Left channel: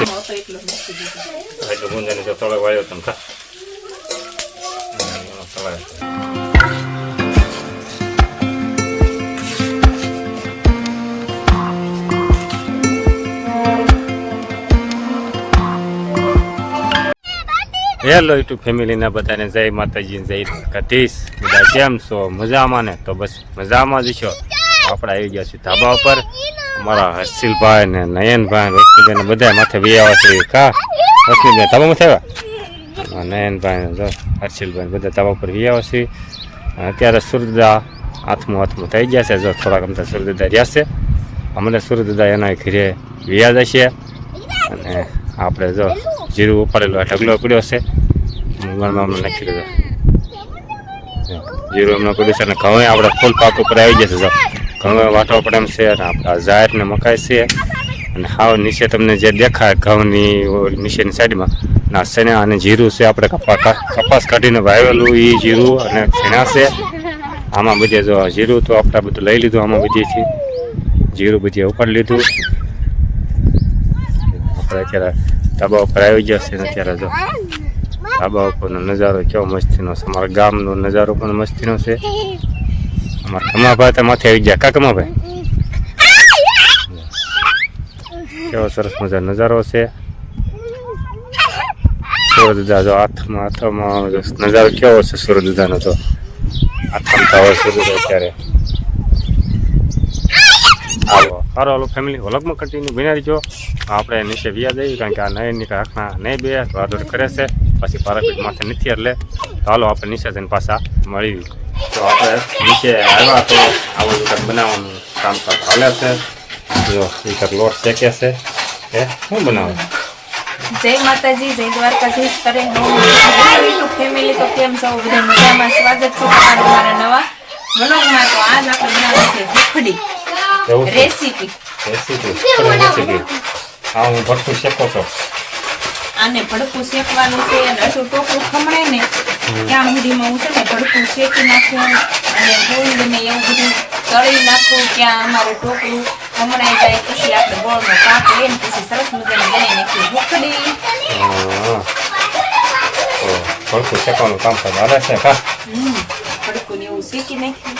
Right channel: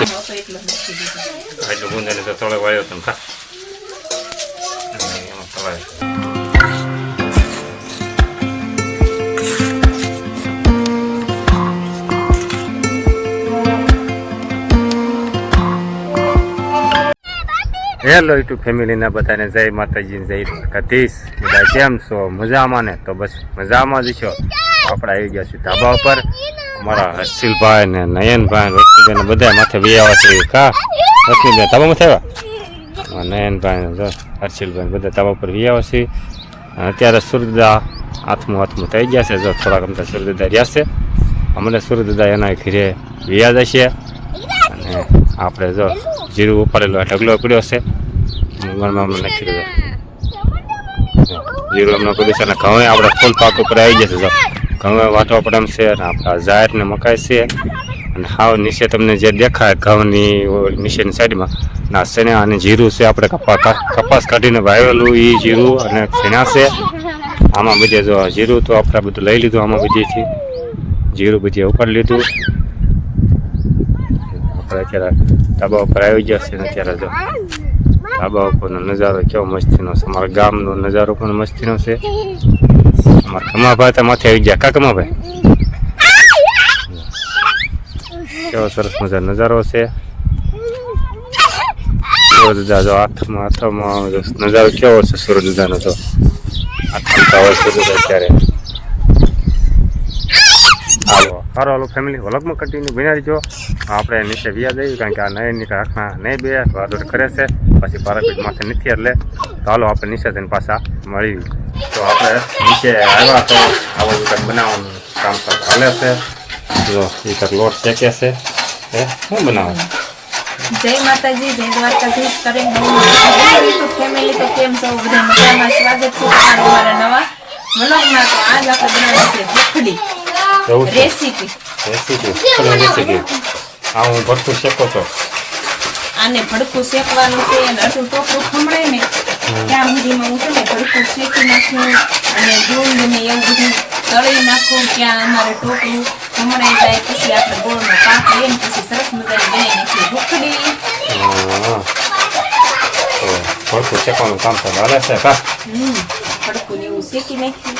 એટલું ગુંદાને તો તળે વાળ્યો તમે ખા એમાં તળાય. હેલો યુટ્યુબ ફેમિલીના બધાને જય માતાજી જય દ્વારકાધીશ. બધા કેમ છો? મજામાં ને? તો બસ મજામાં જ છો. આપણે આવી ગયા છીએ ધાબા ઉપર. અમારા હર્ષિલભાઈ ને નયનભાઈ રોશનીબેન બધા માથે વિયાવા છે. કા રોશનીબેન ધાબામાં થયા? નયનભાઈ જો હર્ષિલભાઈ બધા ધાબા ઉપર વિયાવા છે. અત્યારે સૂર્યદાદા હાથમાં થઈ ગયા છે. જો થોડાક અમતા સૂર્યદાદા રહ્યા છે. અમને સૂર્યદાદા એના ઘરે વિયા જશે. અને આપણે જો જીરું ઉપાડેલો ઢગલો પડ્યો છે. મૂંગણમાં અમને નાખી દીધો જીરું એમને પડ્યું છે. અને ઘઉં આપણે ફૂલ પાક ઉપર આવી જશે. જો ઘઉં વાટવા પડે એમ છે. અને આપણા જાહેર ને મકાઈ છે. અને હાવ નીચે તમને જે દેખાય ઘઉંની નીચેની સાઈડમાં ના શેણા અને જીરું છે. આપણે કપાસ કાઢીને વાવેલું એ જીરું અને શેણા છે. આમાં બધે જો જીરું તો આપણે બધું લઈ લીધું. આમાં બધીથી જીરું બધી ઉપાડી લીધું. આપણે અત્યારે ધાબા ઉપર આવી ગયા છે. અત્યારે જો ધાબા ઉપરનો નજારો કેવો મસ્તીનો છે. અમારા ગામનો નજારો પણ મસ્તીનો છે. અમારા કમાભાઈ તો માથે આવી ગયા. કા કમાભાઈ કેવો સરસ મજા નજારો છે. સૂર્યદાદા જો હાથમાં નજારો કેવો છે સૂર્યદાદાનો. તો હાથમાં તો આવે સૂર્યદાદા અત્યારે. હાલો હાલો ફેમિલી વ્લોગમાં કન્ટિન્યુ બિનારી જો. આપણે નીચે વ્યા જઈએ કારણ કે આ નયનની રાખના નહીં બે તો આદોડ કરે છે. પછી પારાપીઠ માથે નથી એટલે તો હાલો આપણે નીચે જઈને પાછા મળી. તો આપણે નીચે આવ્યા તો આવું કંઈક બનાવવાનું કામકાજ હાલે છે. જો એ કંઈક લોટ શેકે છે. એ શું બનાવે? જય માતાજી જય દ્વારકાધીશ. કરીને યુટ્યુબ ફેમિલી તો કેમ છો? બધા મજામાં? સ્વાગત છે તમારું અમારા નવા વ્લોગમાં. તો આજ આપણે બનાવવાનું છે ભૂખડી રેસીપી. હા હું ભડકું શેકો છો. આને ભડકું શેકવાનું છે. અને અડધું ટોપરું ખમણાય ને ત્યાં સુધીમાં હું છે ને ભડકું શેકી નાખ્યું. અને ગુંદ ને એવું બધું તળી નાખું ત્યાં અમારે ટોપરું ખમણાઈ જાય. પછી આપણે ગોળનો પાક લઈને પછી સરસ મજાની બનાવી નાખીએ ભૂખડી. ભડકું શેકવાનું કામ તો હાલે છે. કા ભડકું ને એવું શેકી નાખ્યું.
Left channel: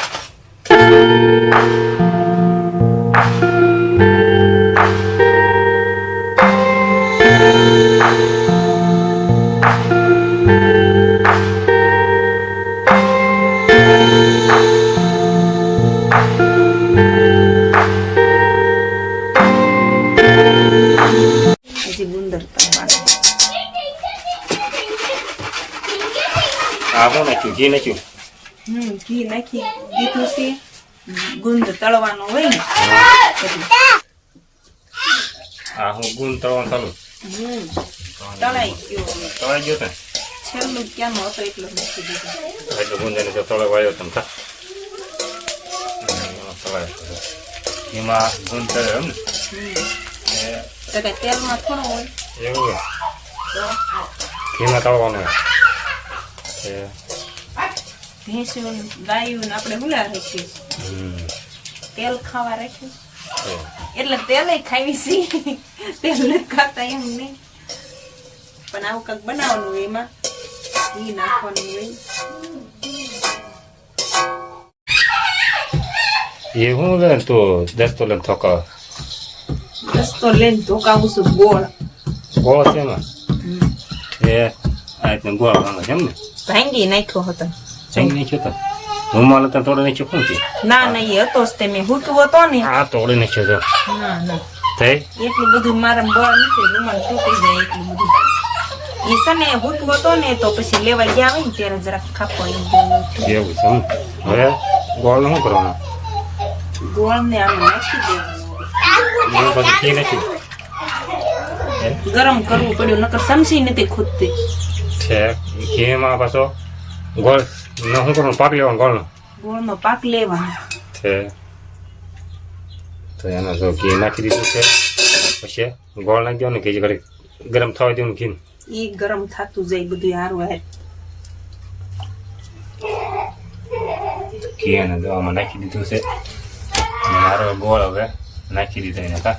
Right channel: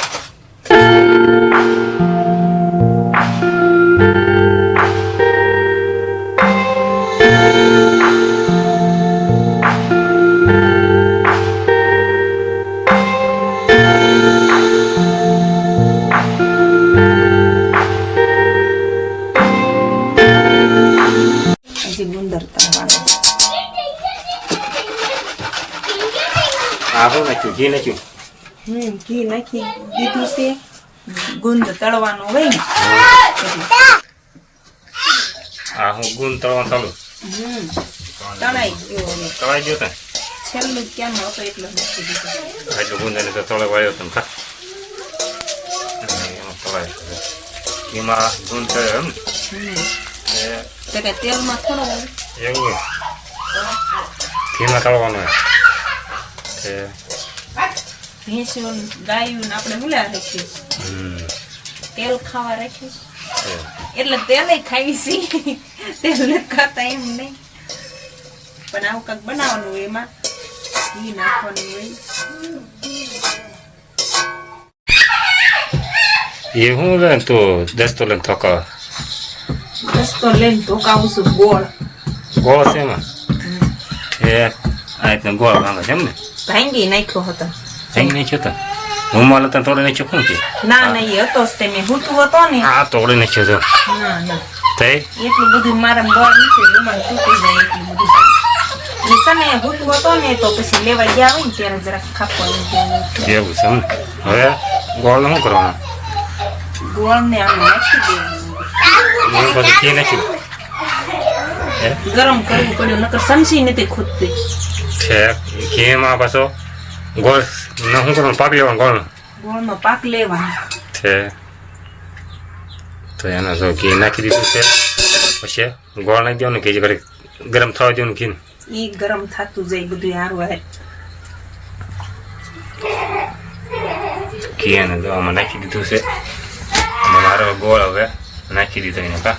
ઘી નાખ્યું. ઘી નાખી દીધું છે. ગુંદ તળવાનું હોય ને હા હું ગુંદ તળવાનું ચાલુ. તળાઈ ગયો. તળાઈ ગયો ને છેલ્લું કેમ હતો એટલે મૂકી દીધું. એટલું ગુંદાને તો તળે વાળ્યો તમે ખા એમાં તળાય. ઘીમાં ગુંદ તળ્યો એમ ને તો તેલમાં થોડો હોય એવું હોય. ઘીમાં તળવાનું હોય. ભેંસ ગાયું આપણે હુલા રાખીએ તેલ ખાવા રાખીએ એટલે તેલ ખાવી છીએ. તેલ નથી ખાતા એમ નહીં. પણ આવું કંઈક બનાવવાનું હોય. એમાં ઘી નાખવાનું હોય. એ હું લે તો દસ્તો લઈને થોકા દસ્તો લઈને ધોકાવું છું. ગોળ છે એમાં. એ આ રીતના ગોળ ભાંગે છે એમ ને? ભાંગી નાખ્યો હતો. ભાંગી નાખ્યો હતો. હું માલે તને તોડી નાખ્યો શું છે? ના ના એ હતો જ તે મેં હૂતું હતો ને. આ તોડી નાખ્યો તો. ના ના થઈ એટલું બધું મારા ગોળ નથી. રૂમાલ તૂટી જાય એટલું બધું. એ સને હૂતું હતો ને તો પછી લેવા ગયા હોય ને ત્યારે જરાક ખાપો એવું છે એમ. હવે ગોળ શું કરવાનું? ગોળ ને આમ નાખી દેવાનું. પછી ઘી નાખ્યું. ગરમ કરવું પડ્યું નકર સમસી નથી ખૂટતી. છે ઘીમાં પાછો ગોળ શું કરવાનું? પાક લેવાનું ગોળનો. ગોળનો પાક લેવાનો છે. તો એના જો ઘી નાખી દીધું છે. પછી ગોળ નાખી દેવાનું. ઘી ઘડી ગરમ થવા દેવાનું. ઘી એ ગરમ થતું જાય બધું સારું આવે. ઘી અને જો આમાં નાખી દીધું છે. અને મારો ગોળ હવે નાખી દીધો એને. કા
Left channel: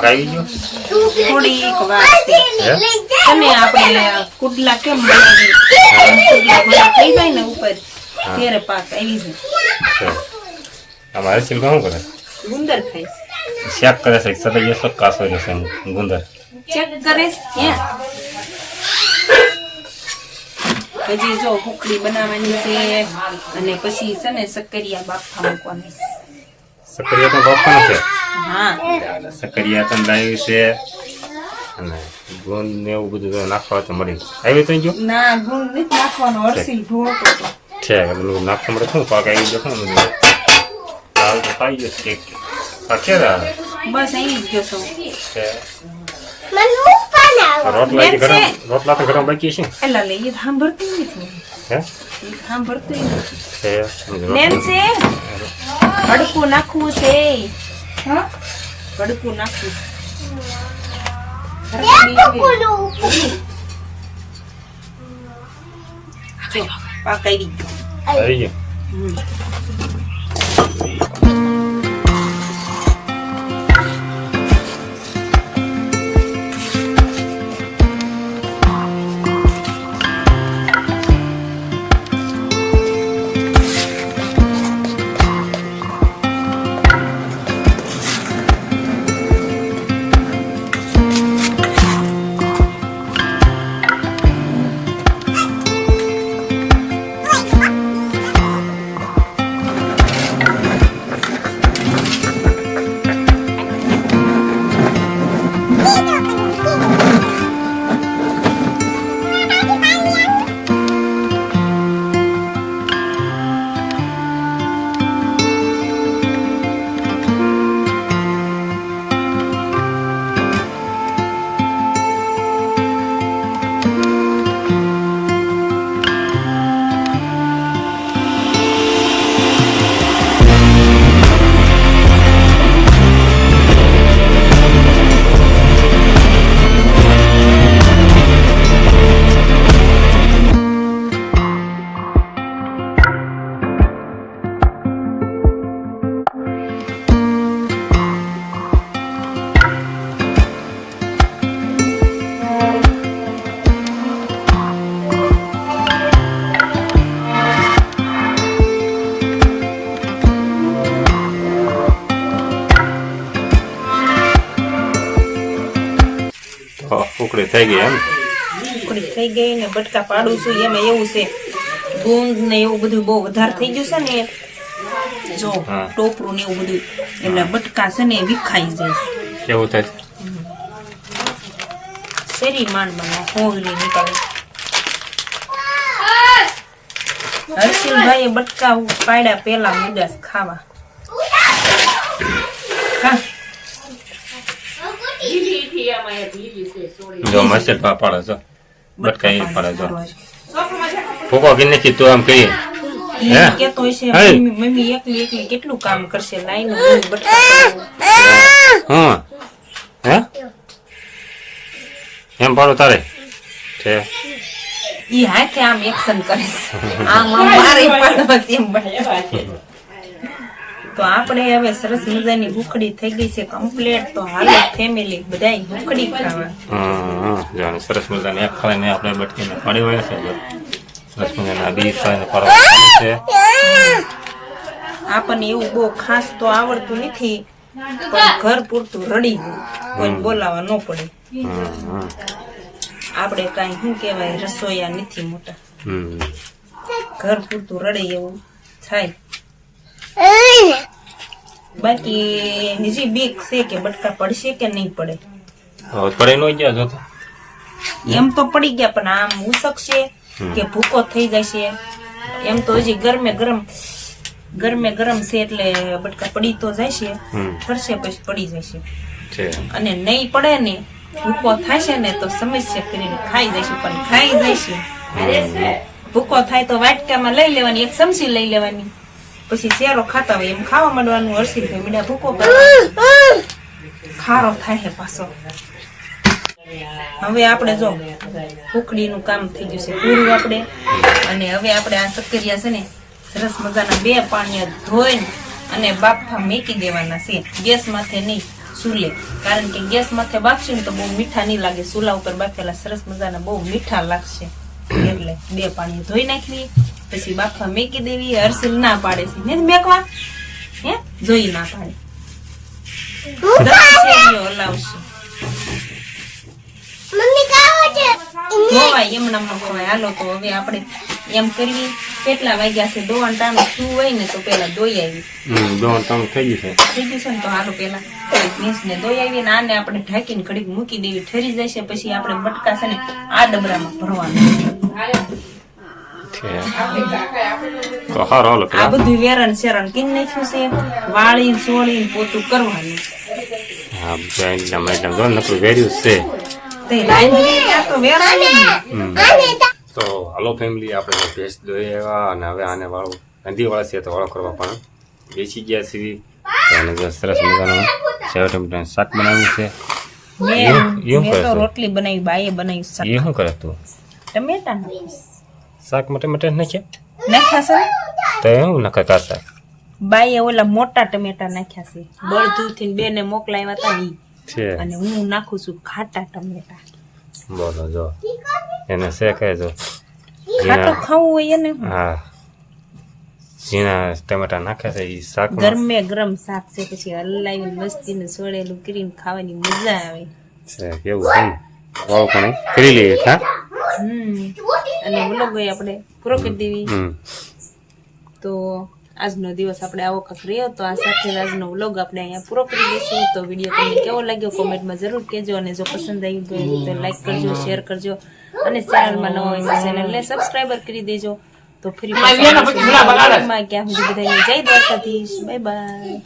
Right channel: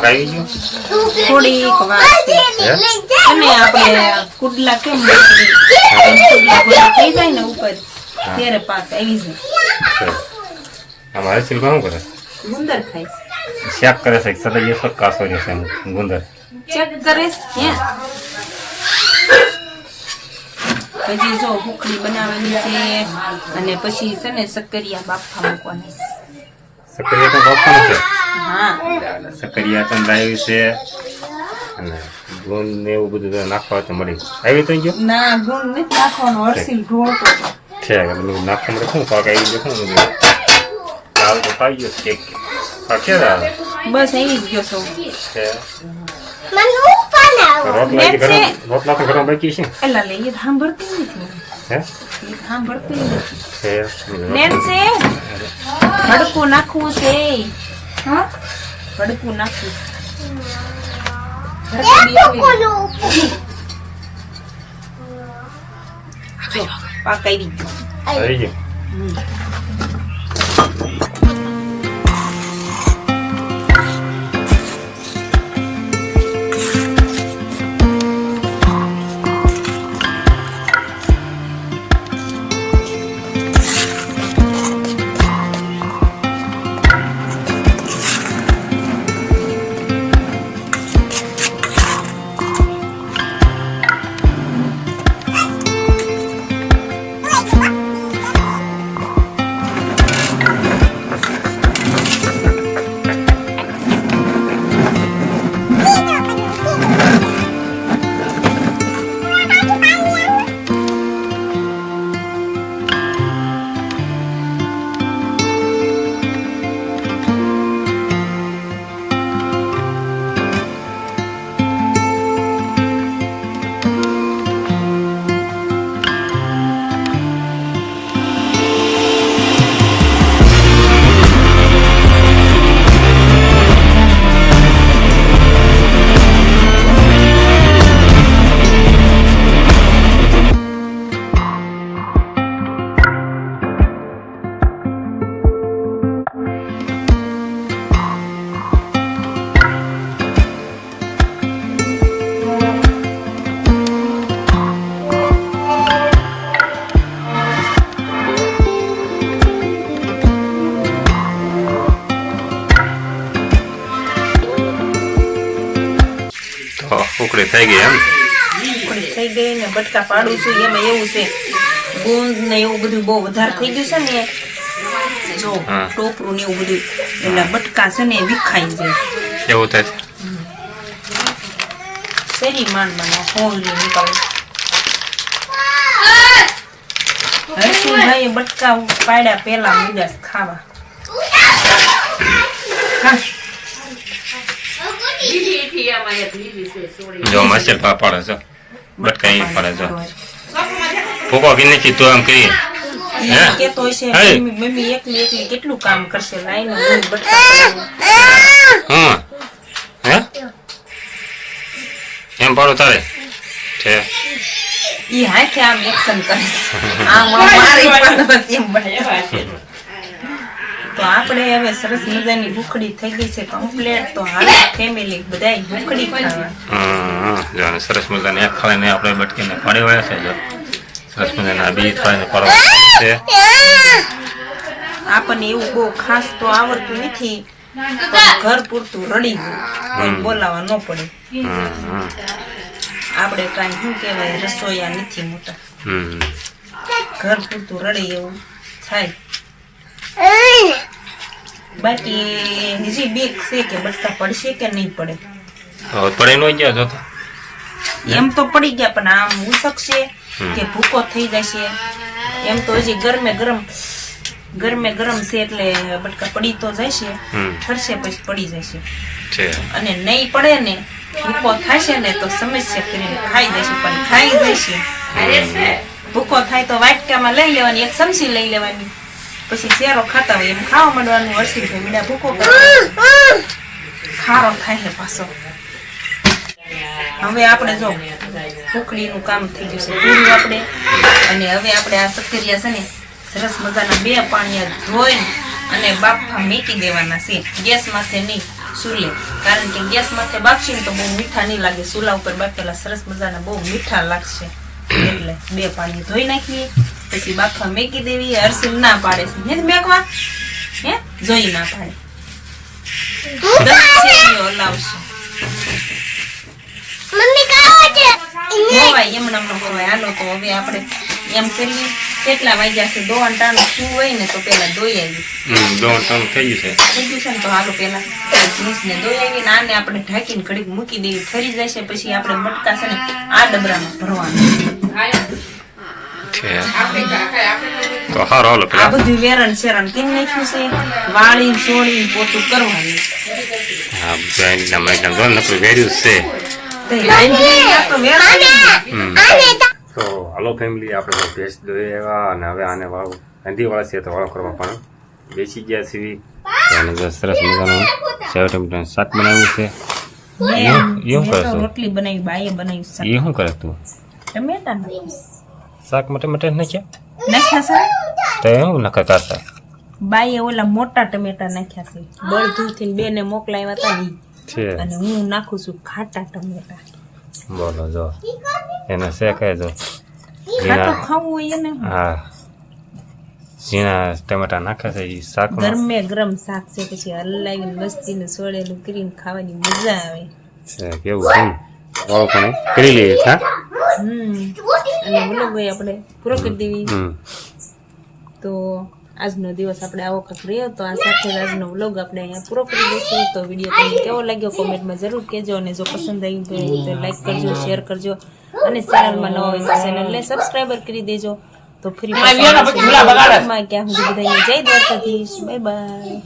પાક આવી ગયો થોડીક વાર છે હે અને આપણે કુડલા કેમ બળી એમ કુડલા બધા થઈ જાય ને ઉપર ત્યારે પાક આવી જાય છે. આમાં હર્ષિલભાઈ શું કરે ગુંદર ખાઈશ શેક કરે છે સદૈય શોખ કાસો રહેશે ગુંદર ચેક કરે હે પછી જો હુકડી બનાવવાની છે અને પછી છે ને સક્કરિયા બાફા મૂકવાની છે. સક્રિયા તો બાપવાનું છે હા સક્રિયા તો લાવી છે અને ગુંદ ને એવું બધું તો નાખવા તો મળી આવી તો ગયો ના ગુણ નથી નાખવાનો હરસીલ ઢોળતો હતો. છે એટલે નાખવા મળે શું પાક આવી ગયો શું બધું લાવ તો પાઈ ગયો કેક પાક ક્યારે આવે બસ આવી જ ગયો છો છે રોટલા તો ઘરમાં બાકી છે એલા લે એ સાંભળતી નથી હે એ સાંભળતી નથી છે નેન છે ભડકું નાખવું છે હા ભડકું નાખવું જો પાક આવી ગયો આવી ગયો ઉકળી થઈ ગઈ એમ ઉકળી થઈ ગઈ ને બટકા પાડું છું એમાં એવું છે ગુંદ ને એવું બધું બહુ વધારે થઈ ગયું છે ને જો હા. ટોપરું ને એવું બધું એટલે બટકા છે ને વિખાઈ જાય એવું થાય છે શેરી માંડમાં હોંગલી નીકળે હર્ષુભાઈ બટકા પાડ્યા પેલા મીડાસ ખાવા હા જો મસેલ પાડે છે બટકા અહીં પાડે છે ફૂકો કે નથી તો આમ કહીએ હે? કેતો હશે હે? મમ્મી એકલી એકલી કેટલું કામ કરશે લાઈને હું બટકા પાડું. હા હે એમ પાડો તારે છે ઈ હાથે આમ એક્શન કરે આમ આમ મારી પાડવા એમ બટકા તો આપણે હવે સરસ મજાની ભૂખડી થઈ ગઈ છે કમ્પ્લીટ તો હાલે ફેમિલી બધાય ભૂખડી ખાવા હા જો સરસ મજાને એક ખાઈને આપણે બટકીને પાડી વળે છે જો સરસ મજાના બી ખાઈને પાડવા છે આપણને એવું બહુ ખાસ તો આવડતું નથી પણ ઘર પૂરતું રડી ગયું કોઈ બોલાવા ન પડે આપણે કાંઈ શું કહેવાય રસોઈયા નથી મોટા ઘર પૂરતું રડે એવું થાય બાકી હજી બીક છે કે બટકા પડશે કે નહીં પડે હવે પડે નો ગયા જો તો એમ તો પડી ગયા પણ આમ ઉસકશે કે ભૂકો થઈ જશે એમ તો હજી ગરમે ગરમ છે એટલે બટકા પડી તો જશે ઠરશે પછી પડી જશે છે અને નહીં પડે ને ભૂકો થશે ને તો સમસ્યા કરીને ખાઈ જશે પણ ખાઈ જશે ભૂકો થાય તો વાટકામાં લઈ લેવાની એક ચમચી લઈ લેવાની પછી શેરો ખાતા હોય એમ ખાવા માંડવાનું હરસી મીડા ભૂકો કરવાનો ખારો થાય પાછો હવે આપણે જો ભૂખડીનું કામ થઈ ગયું છે પૂરું આપણે અને હવે આપણે આ સક્કરિયા છે ને સરસ મજાના 2 પાણીયા ધોઈને અને બાફા મૂકી દેવાના છે ગેસ માથે નહીં ચૂલે, કારણ કે ગેસ માથે બાફશે ને તો બહુ મીઠા નહીં લાગે. ચૂલા ઉપર બાફેલા સરસ મજાના બહુ મીઠા લાગશે. એટલે 2 પાણી ધોઈ નાખીએ, પછી બાફવા મેકી દેવી. હર્ષિલ ના પાડે છે હે મેકવા, હે જોઈ ના પાડે, 10 શેરીઓ હલાવશે. ધોવાય એમનામ ન ધોવાય. હાલો તો હવે આપણે એમ કરીએ, કેટલા વાગ્યા છે? દોવાન ટાણું શું હોય ને તો પેલા દોઈ આવી. દોણ ટણ થઈ ગયું છે. થઈ ગયું છે ને તો હાલો પેલા જીન્સને દોઈ આવી ને આને આપણે ઢાંકીને ઘડીક મૂકી દેવી. ઠરી જશે પછી આપણે બટકા છે ને આ ડબરામાં ભરવાનું. છે તો હારો હાલો આ પેલા બધું વેરણ શેરણ કીન નાખ્યું છે, વાળી સોળી પોતું કરવાનું. હા બધા એકદમ જો નકરું વેર્યું છે. તે લાઈન લઈ આ તો વેરણ જ ને. તો હાલો ફેમિલી, આપણે તો ભેંસ દોઈ આવ્યા અને હવે આને વાળું ગાંધીવાળા છે તો વાળો કરવા પણ બેસી ગયા છીએ. તો આને જો સરસ મજાનું સેવ ટમેટાનું શાક બનાવ્યું છે. એવું કરે મેં તો તું? રોટલી બનાવી, બાઈએ બનાવી શાક. એ શું કરે તું? ટમેટા નાખીશ. શાક માટે નાખ્યા નાખ્યા છે તો એવું નખા કાસા બાઈએ ઓલા મોટા ટમેટા નાખ્યા છે. બળદુથી 2 ને મોકલાવ્યા હતા ને ઈ. છે. અને હું નાખું છું ખાટા ટમેટા. બોલો જો એને શેકાય જો ખાટું ઝીણા, ખાવું હોય એને હા ઝીણા ટમેટા નાખ્યા છે એ શાકમાં ગરમે ગરમ શાક છે, પછી હલાવીને મસ્તીને સોળેલું કરીને ખાવાની મજા આવે. છે. કેવું છે વાળું પણ કરી લઈએ. હા અને વ્લોગ આપણે પૂરો કરી દેવી. હમ તો આજનો દિવસ આપણે આવો કંઈક રહ્યો. તો આ સાથે આજનો વ્લોગ આપણે અહીંયા પૂરો કરી દઈશું. તો વિડીયો તમને કેવો લાગ્યો કોમેન્ટમાં જરૂર કહેજો, અને જો પસંદ આવ્યું હોય તો લાઈક કરજો, શેર કરજો, અને ચેનલમાં નવા હોય તો ચેનલને સબસ્ક્રાઈબર કરી દેજો. તો ફરી પાછા મળીશું નવા વ્લોગમાં. ક્યાં સુધી બધાને જય દ્વારકાધીશ. Bye bye.